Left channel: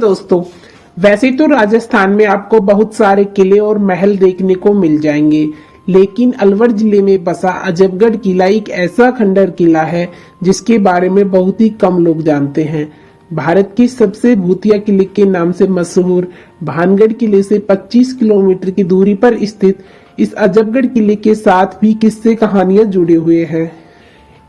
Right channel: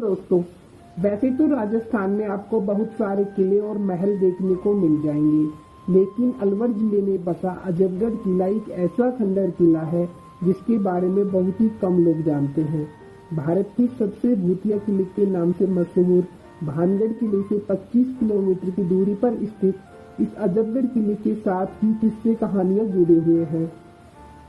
दोस्तों, वैसे तो राजस्थान में आपको बहुत सारे किले और महल देखने को मिल जाएंगे, लेकिन अलवर जिले में बसा अजबगढ़ किला एक ऐसा खंडर किला है जिसके बारे में बहुत ही कम लोग जानते हैं। भारत के सबसे भूतिया किले के नाम से मशहूर भानगढ़ किले से 25 किलोमीटर की दूरी पर स्थित इस अजबगढ़ किले के साथ भी किस्से कहानियां जुड़े हुए हैं।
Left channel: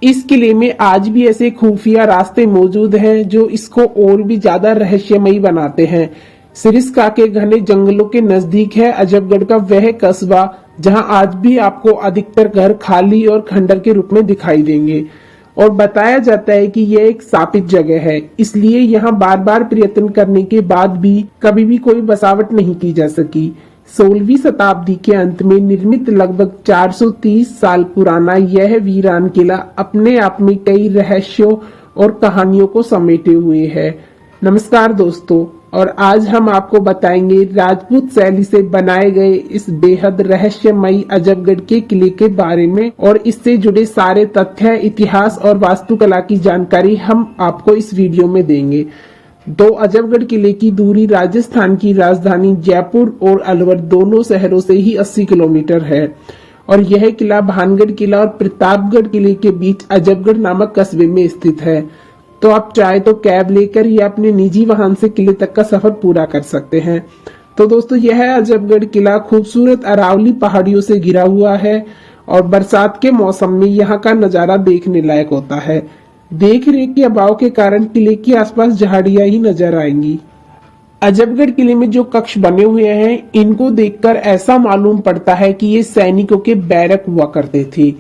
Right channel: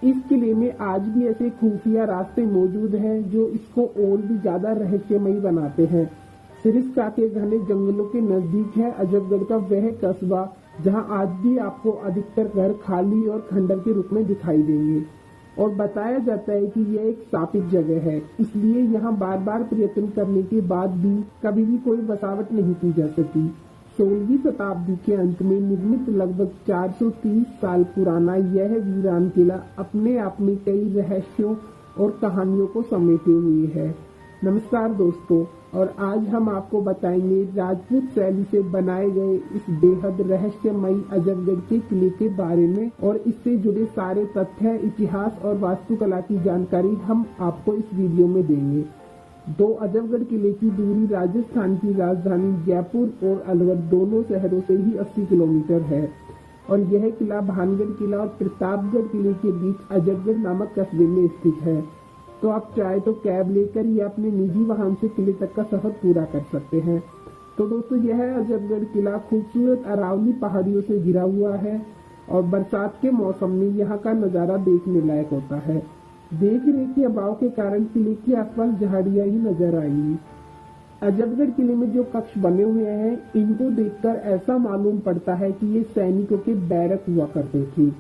इस किले में आज भी ऐसे खुफिया रास्ते मौजूद हैं जो इसको और भी ज्यादा रहस्यमयी बनाते हैं। सिरिस्का के घने जंगलों के नजदीक है अजबगढ़ का वह कस्बा जहां आज भी आपको अधिकतर घर खाली और खंडर के रूप में दिखाई देंगे और बताया जाता है कि यह एक शापित जगह है, इसलिए यहाँ बार बार प्रयत्न करने के बाद भी कभी भी कोई बसावट नहीं की जा सकी। 16वीं शताब्दी के अंत में निर्मित लगभग 430 साल पुराना यह वीरान किला अपने आप में कई रहस्यों और कहानियों को समेटे हुए है। नमस्कार दोस्तों, और आज हम आपको बताएंगे राजपूत शैली से बनाए गए इस बेहद रहस्यमयी अजबगढ़ के किले के बारे में और इससे जुड़े सारे तथ्य, इतिहास और वास्तुकला की जानकारी हम आपको इस वीडियो में देंगे। अजबगढ़ किले की दूरी राजस्थान की राजधानी जयपुर और अलवर दोनों शहरों से ही 80 किलोमीटर है और यह किला भानगढ़ किला और प्रतापगढ़ किले के बीच अजबगढ़ नामक कस्बे में स्थित है। तो आप चाहे तो कैब लेकर या अपने निजी वाहन से किले तक का सफर पूरा कर सकते हैं। तो दोस्तों, यह अजबगढ़ किला खूबसूरत अरावली पहाड़ियों से घिरा हुआ है और बरसात के मौसम में यहाँ का नजारा देखने लायक होता है। देख रेख के अभाव के कारण किले के आसपास झाड़ियां ही नजर आएंगी। अजबगढ़ किले में जो कक्ष बने हुए हैं, इनको देखकर ऐसा मालूम पड़ता है कि ये सैनिकों के बैरक हुआ करते थे,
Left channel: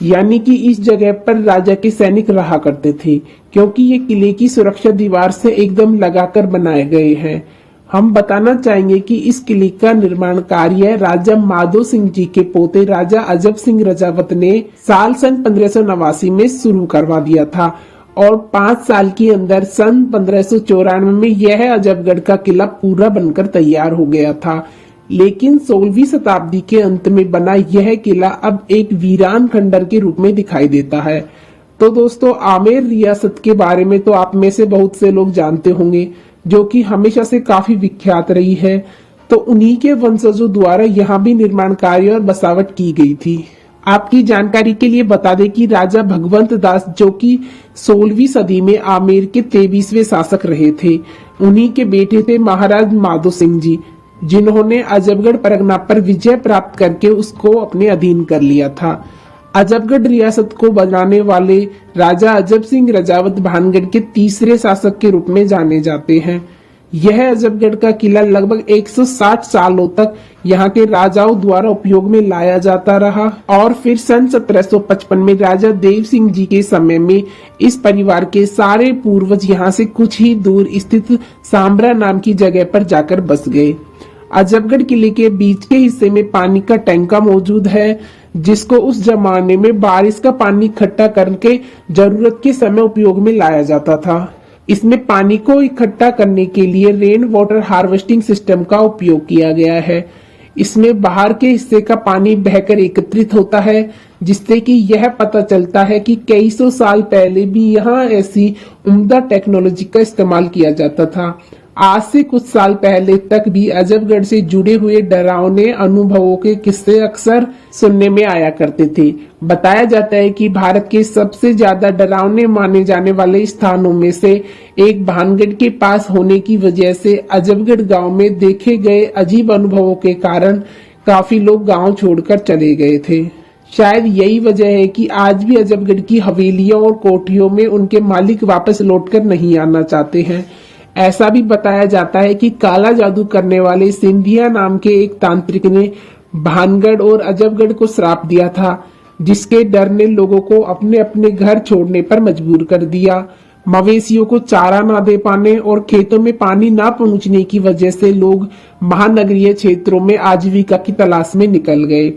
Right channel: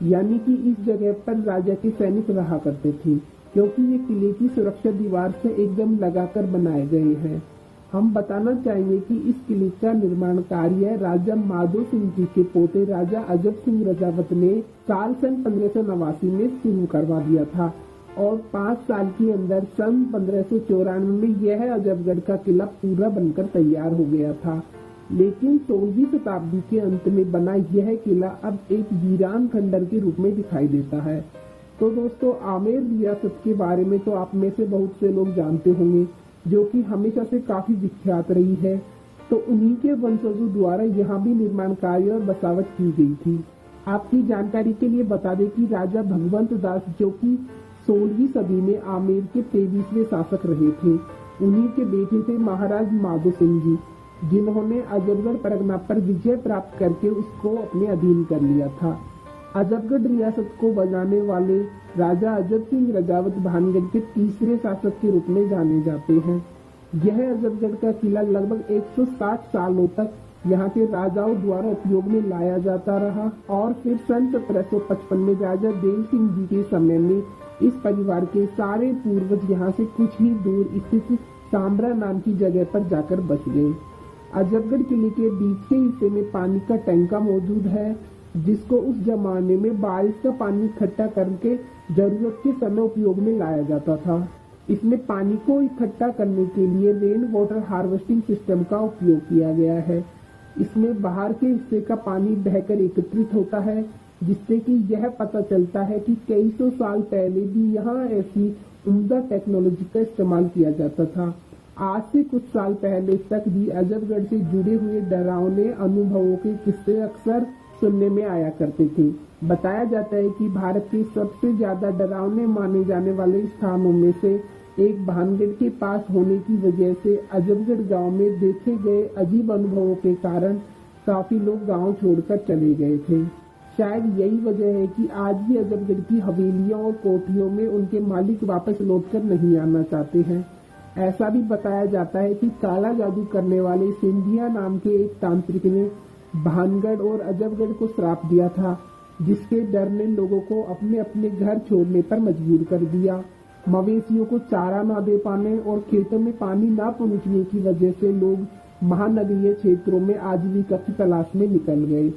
यानी कि इस जगह पर राजा के सैनिक रहा करते थे, क्योंकि ये किले की सुरक्षा दीवार से एकदम लगाकर बनाए गए हैं। हम बताना चाहेंगे कि इस किले का निर्माण कार्य राजा माधो सिंह जी के पोते राजा अजब सिंह रजावत ने साल सन 1589 में शुरू करवा दिया था और 5 साल के अंदर सन 1594 में यह अजबगढ़ का किला पूरा बनकर तैयार हो गया था। लेकिन 16वीं शताब्दी के अंत में बना यह किला अब एक वीरान खंडर के रूप में दिखाई देता है। तो दोस्तों, आमेर रियासत के बारे में तो आप में से बहुत से लोग जानते होंगे, जो कि हमेशा से काफी विख्यात रही है। तो उन्हीं के वंशजों द्वारा यहाँ भी निर्माण कार्य और बसावट की गई थी। आपकी जानकारी के लिए बता दें कि राजा भगवंत दास, जो कि 16वीं सदी में आमेर के 23वें शासक रहे थे, उन्हीं के बेटे थे महाराज माधो सिंह जी, जिन्होंने अजबगढ़ परगना पर विजय प्राप्त करके उसको अपने अधीन कर लिया था। अजबगढ़ रियासत को बनाने वाले राजा अजब सिंह रजावत भानगढ़ के तीसरे शासक के रूप में जाने जाते हैं। यह अजबगढ़ का किला लगभग 160 सालों तक यहाँ के राजाओं द्वारा उपयोग में लाया जाता रहा और फिर सन 1755 में राजा देव सिंह जी के समय में इस परिवार के सारे पूर्वज यहाँ से कुछ ही दूर स्थित सांबरा नाम की जगह पर जाकर बस गए। अजबगढ़ किले के बीच के हिस्से में पानी का टैंका मौजूद है, जिसको उस जमाने में बारिश का पानी इकट्ठा करके जरूरत के समय उपयोग में लाया जाता था। इसमें पानी को इकट्ठा करने के लिए रेन वाटर हार्वेस्टिंग सिस्टम का उपयोग किया गया है। इसमें बाहर के हिस्से का पानी बहकर एकत्रित होता है, जिससे कि यह पता चलता है कि कई सौ साल पहले भी यहाँ ऐसी उम्दा टेक्नोलॉजी का इस्तेमाल किया जाता था। आज से कुछ साल पहले तक भी अजबगढ़ से जुड़े हुए डरावने अनुभवों के किस्से अक्सर सुनने में आया करते थे। बताया जाता है कि भारत के सबसे ज्यादा डरावने माने जाने वाले स्थानों में से एक भानगढ़ के पास होने की वजह से अजबगढ़ गांव में देखे गए अजीब अनुभवों के कारण काफी लोग गांव छोड़कर चले गए थे। शायद यही वजह है कि आज भी अजबगढ़ की हवेलियों और कोठरियों में उनके मालिक वापस लौटकर नहीं आना चाहते हैं। ऐसा भी बताया जाता है कि काला जादू करने वाले सिंधिया नाम के एक तांत्रिक ने भानगढ़ और अजबगढ़ को श्राप दिया था, जिसके डर ने लोगों को अपने अपने घर छोड़ने पर मजबूर कर दिया। मवेशियों को चारा ना दे पाने और खेतों में पानी ना पहुंचने की वजह से लोग महानगरीय क्षेत्रों में आजीविका की तलाश में निकल गए।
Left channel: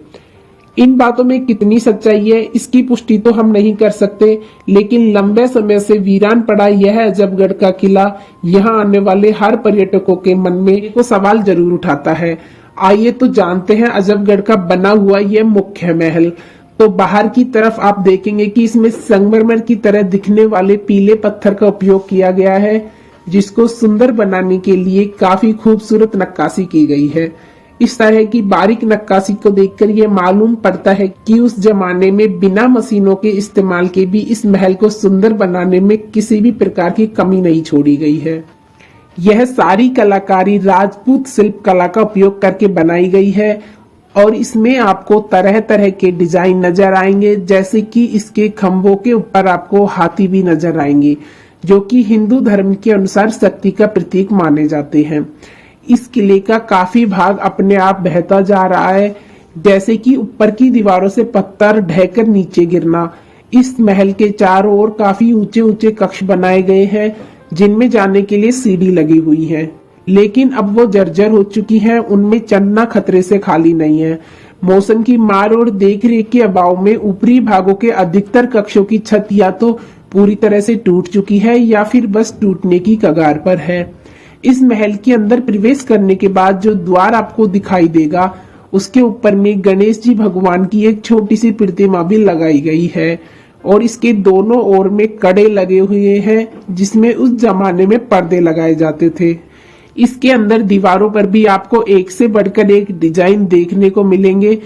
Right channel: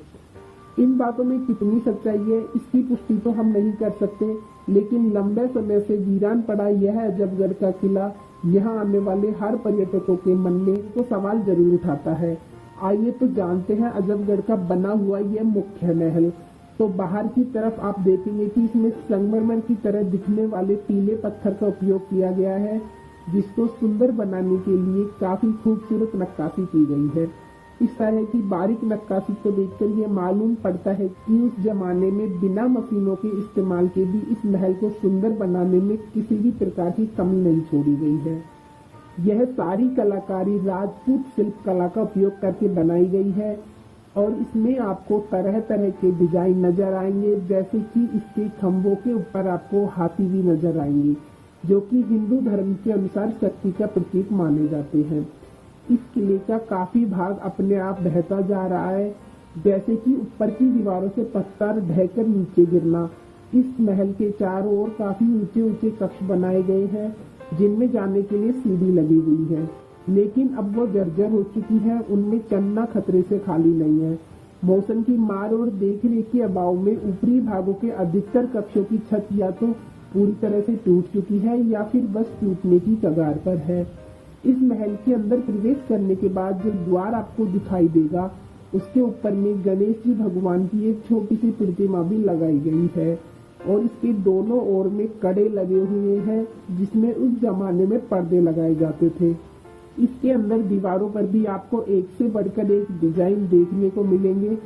इन बातों में कितनी सच्चाई है, इसकी पुष्टि तो हम नहीं कर सकते, लेकिन लंबे समय से वीरान पड़ा यह अजबगढ़ का किला यहाँ आने वाले हर पर्यटकों के मन में एक सवाल जरूर उठाता है। आइए तो जानते हैं अजबगढ़ का बना हुआ यह मुख्य महल। तो बाहर की तरफ आप देखेंगे कि इसमें संगमरमर की तरह दिखने वाले पीले पत्थर का उपयोग किया गया है, जिसको सुंदर बनाने के लिए काफी खूबसूरत नक्काशी की गई है। इस तरह की बारीक नक्काशी को देखकर यह मालूम पड़ता है कि उस जमाने में बिना मशीनों के इस्तेमाल के भी इस महल को सुंदर बनाने में किसी भी प्रकार की कमी नहीं छोड़ी गई है। यह सारी कलाकारी राजपूत शिल्प कला का उपयोग करके बनाई गई है और इसमें आपको तरह तरह के डिजाइन नजर आएंगे, जैसे कि इसके खंभों के ऊपर आपको हाथी भी नजर आएंगे, जो कि हिंदू धर्म के अनुसार शक्ति का प्रतीक माने जाते हैं। इस किले का काफी भाग अपने आप बहता जा रहा है, जैसे कि ऊपर की दीवारों से पत्थर ढहकर नीचे गिरना। इस महल के चारों ओर काफी ऊंचे ऊंचे कक्ष बनाए गए हैं, जिनमें जाने के लिए सीढ़ी लगी हुई है, लेकिन अब वो जर्जर हो चुकी हैं। उनमें चलना खतरे से खाली नहीं है। मौसम की मार और देखरेख के अभाव में ऊपरी भागों के अधिकतर कक्षों की छत या तो पूरी तरह से टूट चुकी है या फिर बस टूटने की कगार पर है। इस महल के अंदर प्रवेश करने के बाद जो द्वार आपको दिखाई देगा, उसके ऊपर में गणेश जी भगवान की एक छोटी सी प्रतिमा भी लगाई गई है और इसके दोनों ओर में कड़े लगे हुए हैं, जिसमें उस जमाने में पर्दे लगाए जाते थे। इसके अंदर दीवारों पर भी आपको एक से बढ़कर एक डिजाइन देखने को मिलेंगे।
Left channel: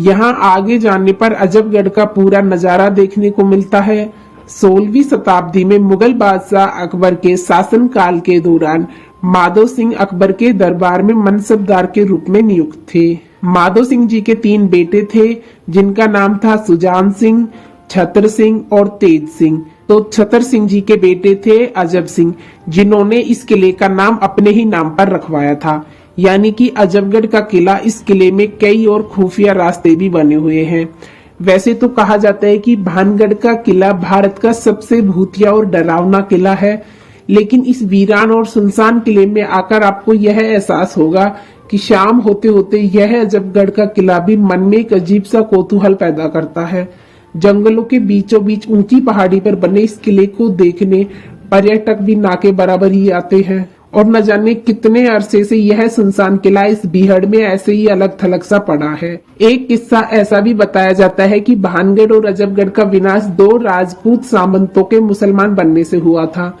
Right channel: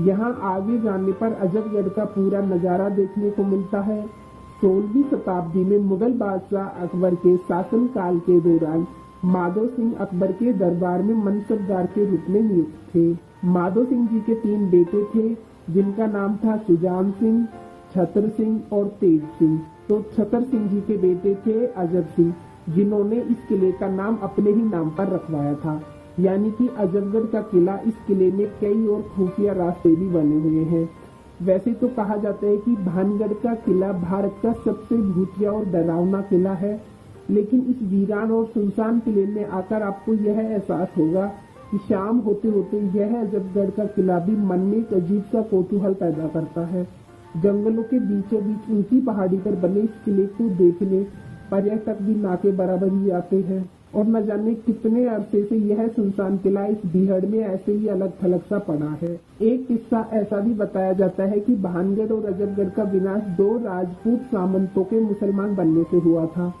यहाँ आगे जाने पर अजबगढ़ का पूरा नजारा देखने को मिलता है। 16वीं शताब्दी में मुगल बादशाह अकबर के शासनकाल के दौरान माधो सिंह अकबर के दरबार में मनसबदार के रूप में नियुक्त थे। माधो सिंह जी के 3 बेटे थे, जिनका नाम था सुजान सिंह, छतर सिंह और तेज सिंह। तो छतर सिंह जी के बेटे थे अजब सिंह, जिन्होंने इस किले का नाम अपने ही नाम पर रखवाया था। यानी कि अजबगढ़ का किला, इस किले में कई और खुफिया रास्ते भी बने हुए हैं। वैसे तो कहा जाता है कि भानगढ़ का किला भारत का सबसे भूतिया और डरावना किला है, लेकिन इस वीरान और सुनसान किले में आकर आपको यह एहसास होगा कि शाम होते होते यह अजबगढ़ का किला भी मन में एक अजीब सा कौतूहल पैदा करता है। जंगलों के बीचों बीच ऊंची पहाड़ी पर बने इस किले को देखने पर्यटक भी ना के बराबर ही आते हैं और न जाने कितने अरसे से यह सुनसान किला इस बीहड़ में ऐसे ही अलग थलग सा पड़ा है। एक किस्सा ऐसा भी बताया जाता है कि भानगढ़ और अजबगढ़ का विनाश 2 राजपूत सामंतों के मुसलमान बनने से हुआ था।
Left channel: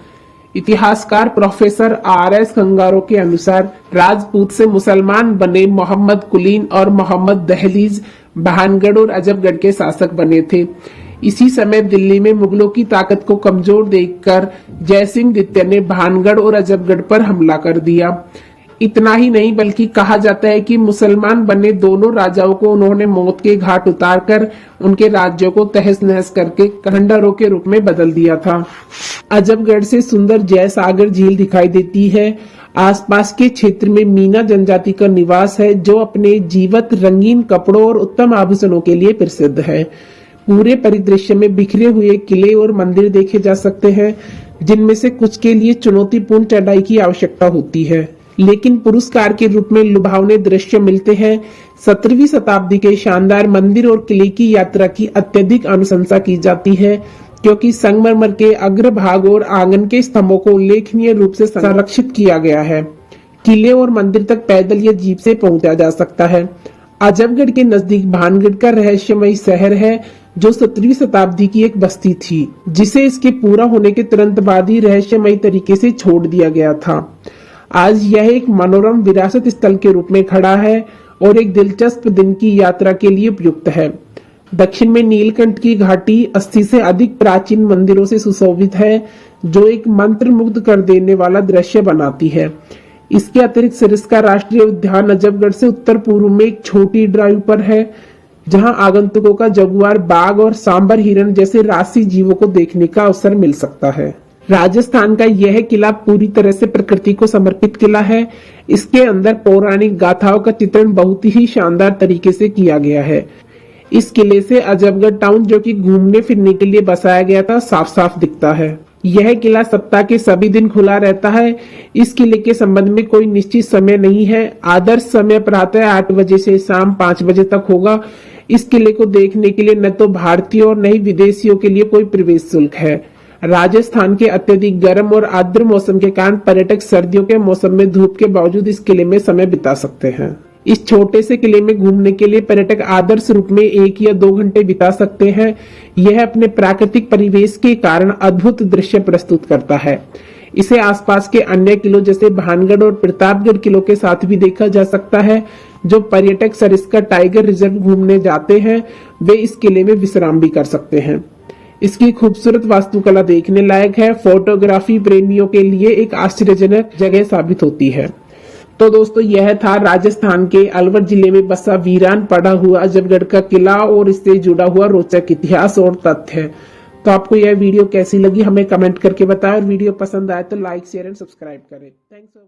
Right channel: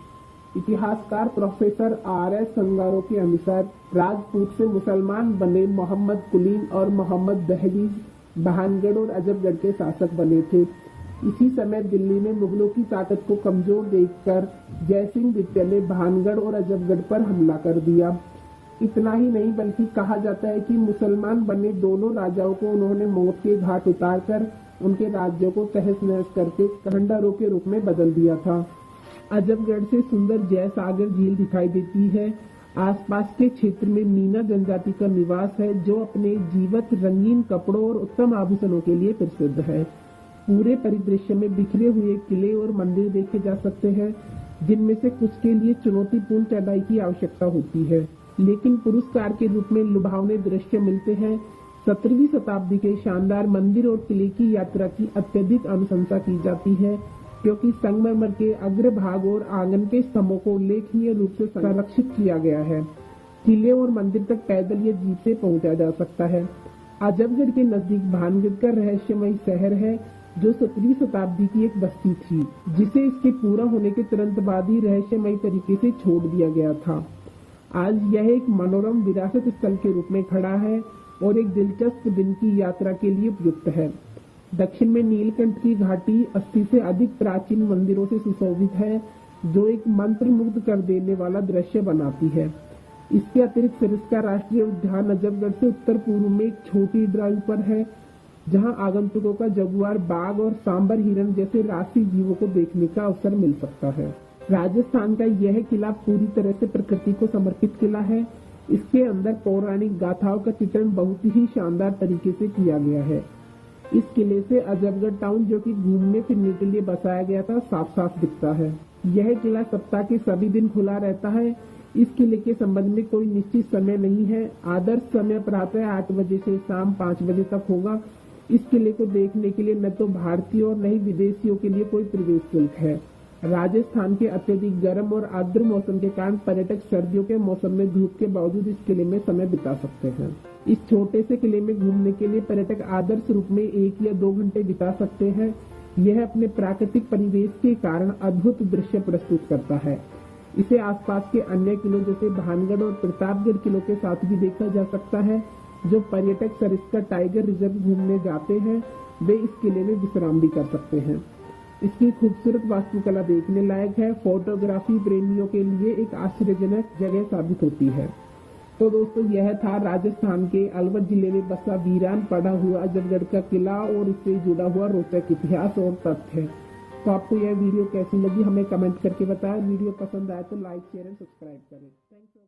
इतिहासकार प्रोफेसर RS कंगारो के अनुसार राजपूत से मुसलमान बने मोहम्मद कुलीन और मोहम्मद दहलीज भानगढ़ और अजबगढ़ के शासक बने थे। इसी समय दिल्ली में मुगलों की ताकत को कमजोर देखकर जयसिंह द्वितीय ने भानगढ़ और अजबगढ़ पर हमला कर दिया। इतना ही नहीं बल्कि कहा जाता है कि मुसलमान बने दोनों राजाओं को उन्होंने मौत के घाट उतारकर उनके राज्यों को तहस नहस करके खंडहरों के रूप में बदल दिया था। अजबगढ़ से सुंदर जयसागर झील दिखाई देती है। आसपास के क्षेत्र में मीना जनजाति का निवास है, जो अपने जीवत रंगीन कपड़ों और उत्तम आभूषणों के लिए प्रसिद्ध है। पूरे परिदृश्य में बिखरे हुए किले और मंदिर देखे जा सकते हैं, जिनमें से कुछ के लिए चुनौतीपूर्ण चढ़ाई की आवश्यकता होती है, लेकिन पुरस्कार के रूप में लुभावने दृश्य मिलते हैं। 17वीं शताब्दी के शानदार मंदिर और किले की यात्रा की अत्यधिक अनुशंसा की जाती है, क्योंकि संगमरमर के अग्रभाग और आंगन के स्तंभों को उल्लेखनीय रूप से संरक्षित किया गया है। किले और मंदिर तक पैदल या जीप से पहुंचा जा सकता है। अजबगढ़ के नजदीक भानगढ़ का रहस्यमयी शहर है, जो 17वीं शताब्दी की एक बस्ती थी, जिसे इसके पूरा होने के तुरंत बाद ही रहस्यमयी तरीके से छोड़ दिया गया था। आज यह एक मनोरम विरासत स्थल के रूप में खड़ा है और एक दिलचस्प दिन की यात्रा के लिए उपयुक्त है। दक्षिण में नीलकंठ की घाटी 80 से अधिक प्राचीन मंदिरों से सुशोभित है, जो एक मंत्र मुग्ध कर देने वाला दृश्य बनाती है। इसके अतिरिक्त सरिस्का राष्ट्रीय उद्यान अजबगढ़ से उत्तर पूर्व में एक छोटी ड्राइव पर है, जहां आगंतुकों का जगुआर बाघ और सांबर हिरण जैसे राष्ट्रीय जीवों को देखने का अवसर मिल सकता है। राजस्थान का यह किला पूरी तरह से प्रकृति को समर्पित किला है। इसके अंदर पौराणिक गाथाओं का चित्रण बहुत ही शानदार तरीके से किया गया है। इस किले से अजबगढ़ टाउन, जो कि घूमने फिरने के लिए बसाया गया था, साफ साफ दिखता है। यह किला सप्ताह के सभी दिन खुला रहता है। इस किले के संबंध में कोई निश्चित समय नहीं है। आदर्श समय प्रातः 8 बजे से शाम 5 बजे तक होगा। इस किले को देखने के लिए न तो भारतीय और न ही विदेशियों के लिए कोई प्रवेश शुल्क है। राजस्थान के अत्यधिक गर्म और आर्द्र मौसम के कारण पर्यटक सर्दियों के मौसम में धूप के बावजूद इस किले में समय बिता सकते हैं। इस छोटे से किले में घूमने के लिए पर्यटक आदर्श रूप में 1 या 2 घंटे बिता सकते हैं। यह अपने प्राकृतिक परिवेश के कारण अद्भुत दृश्य प्रस्तुत करता है। इसे आसपास के अन्य किलों जैसे भानगढ़ और प्रतापगढ़ किलों के साथ भी देखा जा सकता है। जो पर्यटक सरिस्का टाइगर रिजर्व घूमने जाते हैं वे इस किले में विश्राम भी कर सकते हैं। इसकी खूबसूरत वास्तुकला देखने लायक है, फोटोग्राफी प्रेमियों के लिए एक आश्चर्यजनक जगह साबित होती है। तो दोस्तों यह था राजस्थान के अलवर जिले में बसा वीरान पड़ा हुआ अजबगढ़ का किला और इससे जुड़ा हुआ रोचक इतिहास और तथ्य। तो आपको यह वीडियो कैसी लगी हमें कमेंट करके बताएं और वीडियो पसंद आए तो लाइक शेयर एंड सब्सक्राइब करें। Thanks for